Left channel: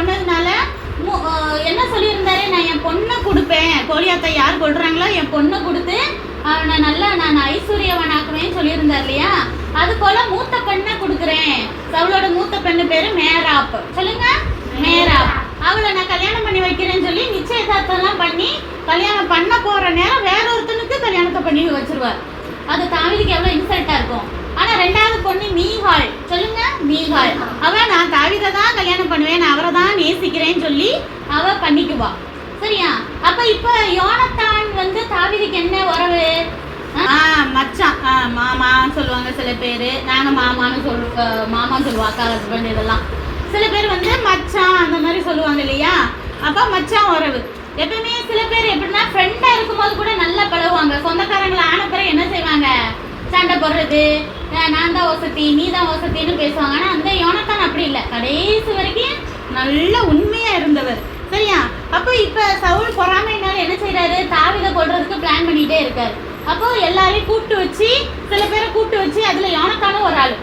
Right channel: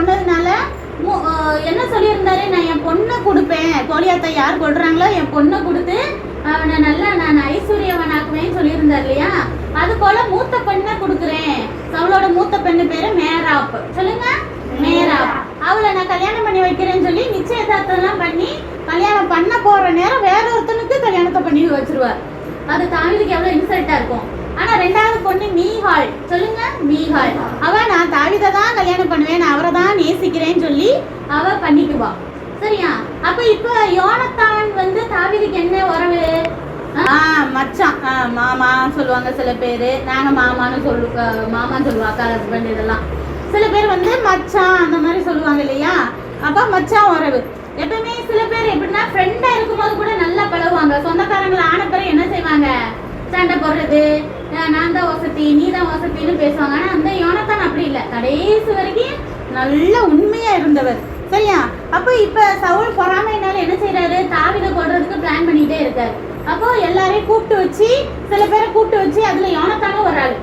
பண்ணதுனால என்ன சொல்லியிருந்தாரு, நான் என் பொண்ணை கொடுப்பேன், கோலியாத்தை யார் கொள்றாங்களோ என் பொண்ணை கொடுத்து அவனை நல்லா நான் ஐஸ்வர்யவனாக்குவேன்னு சொல்லியிருந்தார் இல்லையா. அது போல மூத்த பெண்ணை கொடுக்குறேன். அவளோட மூத்த பெண்ணு பேரு மேராப். சொல்லுங்க, மேராப். அவளை நான் கல்யாணம் பண்ணி வைக்கிறேன்னு சொல்லி நிச்சயதார்த்தம்லாம் பண்ணி கல்யாணம் பண்ண போற நேரம் வேற ஒருத்தனுக்கு கல்யாணத்தை பண்ணி வச்சிருவார். அது தாவீதுக்கு எவ்வளவு இன்சல்ட்டா இருக்கும். ஆனா ரெண்டாவது பொண்ணு மீகாள். சொல்லுங்க, மீகாள். அவ நான் தாவீதை தான் கல்யாணம் பண்ணுவேன், நான் அவரை தான் நேசிக்கிறேன்னு சொல்லி அவ பண்ணிக்குவா. சரியா? அப்ப இப்ப யோனத்தான் தாவீதுக்கு என்ன உறவு? மச்சான், மாமா சொல்லுவாங்க சில பேரு. நாங்க மாமான்னு மாமான்னு சொல்லுவோம், அக்கா ஹஸ்பண்ட். இதெல்லாம் சில பேர் மச்சான் அந்த மாதிரி சொல்லுவாங்க இல்லையா. அப்ப மச்சான் உறவு. எப்பயுமே சில பேர் எப்படின்னா ஃப்ரெண்டா இருக்கும்போது கூட நல்லா பழகுவாங்க. சொந்தக்காரங்களை ஆன பிறகு என்ன செய்வாங்க, சண்டை போடுறது, நான் தான் வசதி நீ தான் வசதின்னு பேசுவாங்க. ஆனா அந்த யோனத்தான் அப்படி இல்லை, கடைசி வரைக்கும் நல்ல உண்மையா இருந்தவர். சரியா? அப்போ இப்ப சவுல் பொறாமைனால என்ன செய்யறாரு, தாவீதை கொல்றதுக்கு பிளான் பண்ணிட்டே இருக்காரு. அப்போ எல்லாரையும் கூப்பிட்டு வச்சு, சில பேரை கூப்பிட்டு வச்சு அதுல யோனத்தானும் ஒரு ஆளு.